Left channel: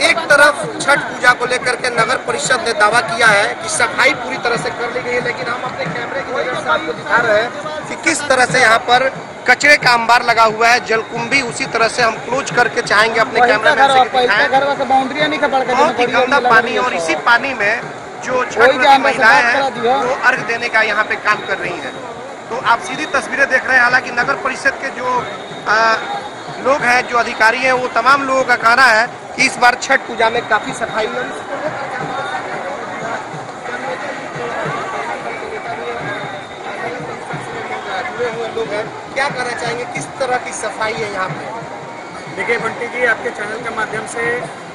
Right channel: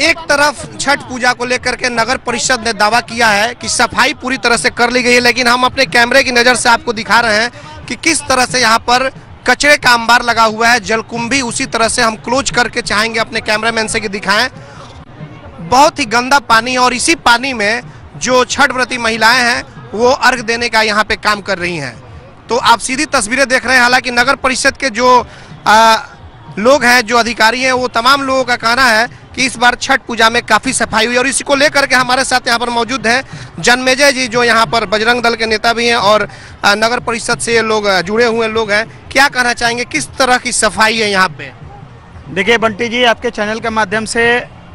एक तरफ छठ पूजा को लेकर के नगर परिषद ने दावा किया है कि सफाई पूरी तरह से कर ली गई है, लेकिन हम अपने कैमरे की नजर से आपको दिखा रहे हैं कि किस तरह से यहाँ पर कचरे का अंबार लगा हुआ है, जलकुंभी उसी तरह से हम क्लोज करके चाहेंगे अपने कैमरामैन से कि दिखाएं। बहुत ही गंदा पानी और इसी पानी में जो छठ व्रती महिलाएं हैं वो अर्घ देने का यहाँ पे काम कर रही हैं। तो आप सीधी तस्वीरें देख रहे हैं। हालांकि नगर परिषद के जो लोग हैं, जो अधिकारी हैं, वो तमाम लोगों का कहना है कि इस बार छठ पूजा में काफी सफाई हुई। और इसी को लेकर के हमारे साथ यहाँ पर मौजूद हैं जन्मेजय जी, जो यहाँ पर बजरंग दल के नेता भी हैं और नगर परिषद से ये लोग जुड़े हुए लोग हैं। क्या कहना चाहेंगे, किस तरह की सफाई है यहाँ पे? देखिए बंटी जी, आपके चैनल के माध्यम से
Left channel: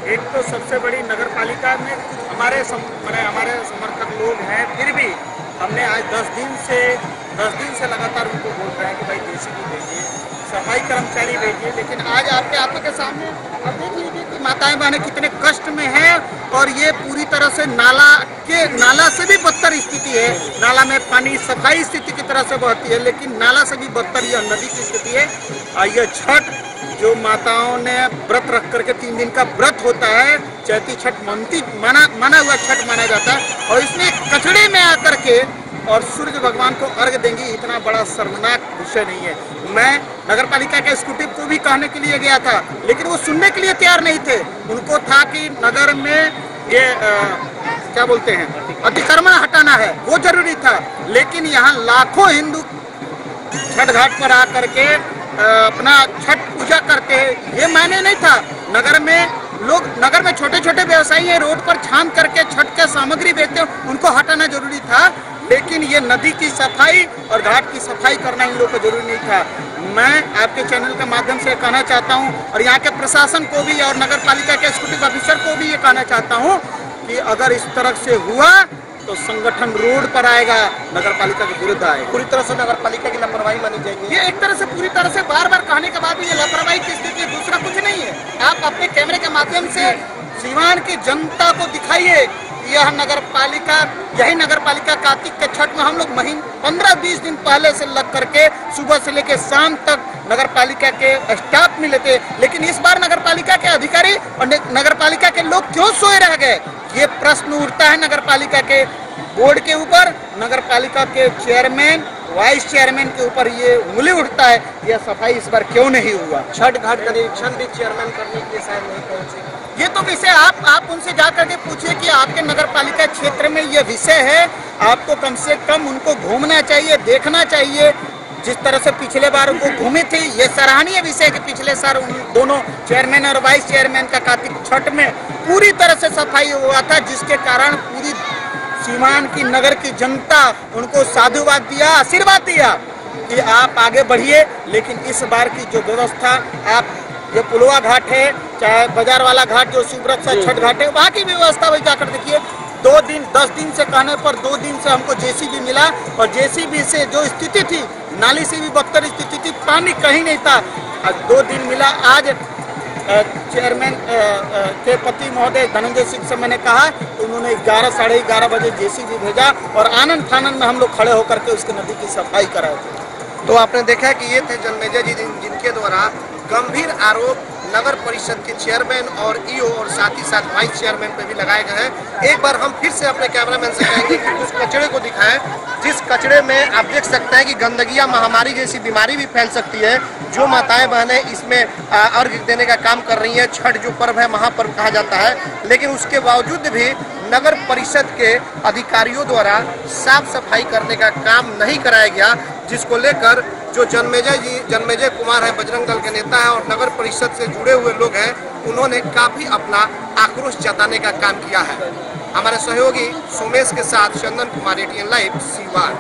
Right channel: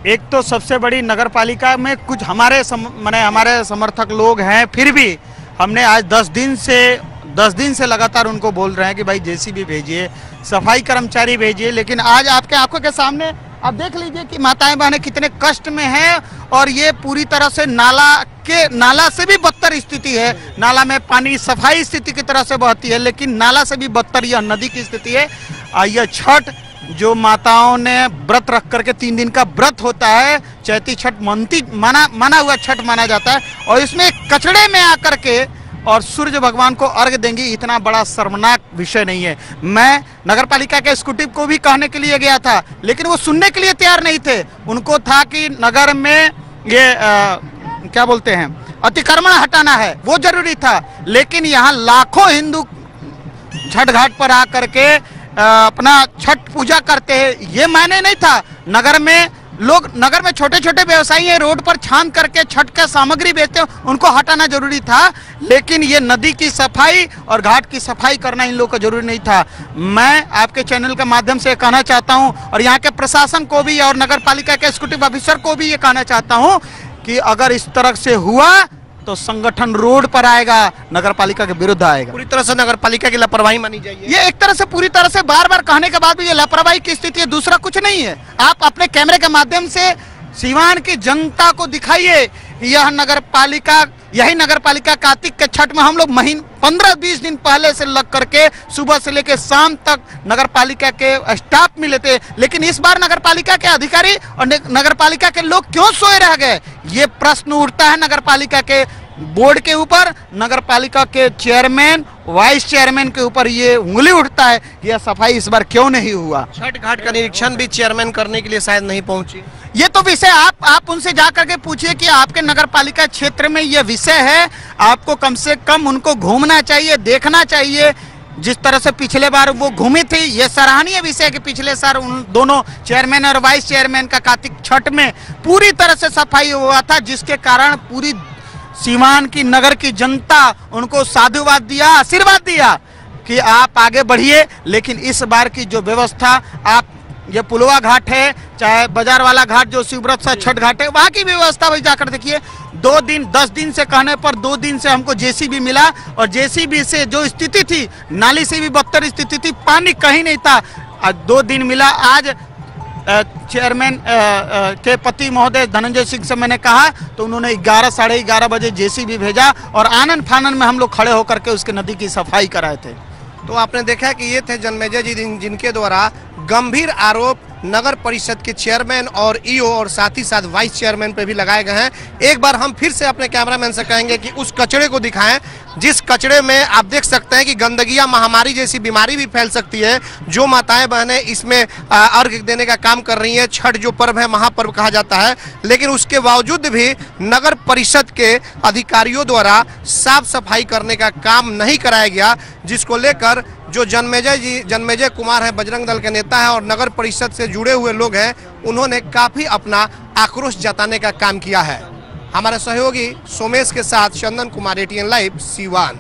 एक तो सबसे बड़ी नगर पालिका में कुछ हमारे समर्थक लोग हैं, फिर भी हमने आज 10 दिन से लगातार उनको बोल रहे हैं कि भाई जेसीबी भेजिए, सफाई कर्मचारी भेजिए, लेकिन आज आपके आंखों के सामने आप देख लीजिए कि माताएं बहनें कितने कष्ट में हैं। और ये पूरी तरह से नाला से भी बदतर स्थिति है। नाला में पानी सफाई स्थिति की तरह से बहती है, लेकिन नाला से भी बदतर यह नदी की स्थिति है। यह छठ जो माताओं ने व्रत रख करके 3 दिन का व्रत होता है, चैती छठ माना हुआ छठ माना जाता है, और इसमें कचड़े में आकर के और सूर्य भगवान को अर्घ देंगी, इतना बड़ा शर्मनाक विषय नहीं है। मैं नगर पालिका के एग्जीक्यूटिव को भी कहने के लिए गया था, लेकिन वो सुनने के लिए तैयार नहीं थे। उनको था कि नगर में ये क्या बोलते हैं, अतिक्रमण हटाना है, वो जरूरी था। लेकिन यहाँ लाखों हिंदू छठ घाट पर आकर के अपना छठ पूजा करते हैं, ये मायने नहीं था। नगर में छोटे छोटे व्यवसायी हैं, रोड पर छान करके छठ के सामग्री बेचते हैं, उनको हटाना जरूरी था। लेकिन ये नदी की सफाई और घाट की सफाई करना इन लोगों को जरूरी नहीं था। मैं आपके चैनल के माध्यम से कहना चाहता हूं, और यहाँ के प्रशासन को भी और नगर पालिका के एग्जीक्यूटिव ऑफिसर को भी ये कहना चाहता हूं कि अगर इस तरह से हुआ तो संगठन रोड पर आएगा, नगर पालिका के विरुद्ध आएगा। पूरी तरह से नगर पालिका की लापरवाही मानी जाएगी। ये एक तरह से पूरी तरह से बार बार कहने के बाद भी ये लापरवाही की स्थिति है, दूसरा कुछ नहीं है। आप अपने कैमरे के माध्यम से सीवान की जनता को दिखाइए, यह नगर पालिका, यही नगर पालिका कार्तिक के छठ में हम लोग 15-20 दिन पहले से लग करके सुबह से लेकर शाम तक नगर पालिका के स्टाफ मिले थे। लेकिन इस बार नगर पालिका के अधिकारी और नगर पालिका के लोग क्यों सोए रह गए, ये प्रश्न उठता है नगर पालिका के बोर्ड के ऊपर, नगर पालिका के चेयरमैन, वाइस चेयरमैन के ऊपर ये उंगली उठता है। यह सफाई इस बार क्यों नहीं हुआ? छठ घाट का निरीक्षण भी चेयरमैन करने के लिए शायद नहीं पहुंचे। ये तो विषय आप उनसे जाकर के पूछिए कि आपके नगर पालिका क्षेत्र में ये विषय है, आपको कम से कम उनको घूमना चाहिए, देखना चाहिए। जिस तरह से पिछले बार वो घूमी थी, ये सराहनीय विषय कि पिछले साल उन दोनों चेयरमैन और वाइस चेयरमैन का कार्तिक छठ में पूरी तरह से सफाई हुआ था, जिसके कारण पूरी सीवान की नगर की जनता उनको साधुवाद दिया, आशीर्वाद दिया कि आप आगे बढ़िए। लेकिन इस बार की जो व्यवस्था, आप ये पुलवा घाट है, चाहे बाजार वाला घाट जो शिवव्रत सा छठ घाट है, वहाँ की व्यवस्था वही जाकर देखिए। 10 दिन से कहने पर 2 दिन से हमको जेसीबी मिला, और जेसीबी से जो स्थिति थी, नाली से भी बदतर स्थिति थी, पानी कहीं नहीं था। आज 2 दिन मिला। आज चेयरमैन के पति महोदय धनंजय सिंह से मैंने कहा तो उन्होंने 11 साढ़े 11 बजे जेसीबी भेजा, और आनंद फानन में हम लोग खड़े होकर के उसके नदी की सफाई कराए थे। तो आपने देखा कि ये थे जन्मेजय जी, जिनके द्वारा गंभीर आरोप नगर परिषद के चेयरमैन और ईओ और साथ ही साथ वाइस चेयरमैन पे भी लगाए गए हैं। एक बार हम फिर से अपने कैमरामैन से कहेंगे कि उस कचड़े को दिखाएं, जिस कचड़े में आप देख सकते हैं कि गंदगी या महामारी जैसी बीमारी भी फैल सकती है। जो माताएं बहनें इसमें अर्घ देने का काम कर रही हैं, छठ जो पर्व है महापर्व कहा जाता है, लेकिन उसके बावजूद भी नगर परिषद के अधिकारियों द्वारा साफ सफाई करने का काम नहीं कराया गया, जिसको लेकर जो जन्मेजय कुमार है, बजरंग दल के नेता है और नगर परिषद से जुड़े हुए लोग हैं, उन्होंने काफी अपना आक्रोश जताने का काम किया है। हमारे सहयोगी सोमेश के साथ चंदन कुमार, ATN लाइव, सीवान।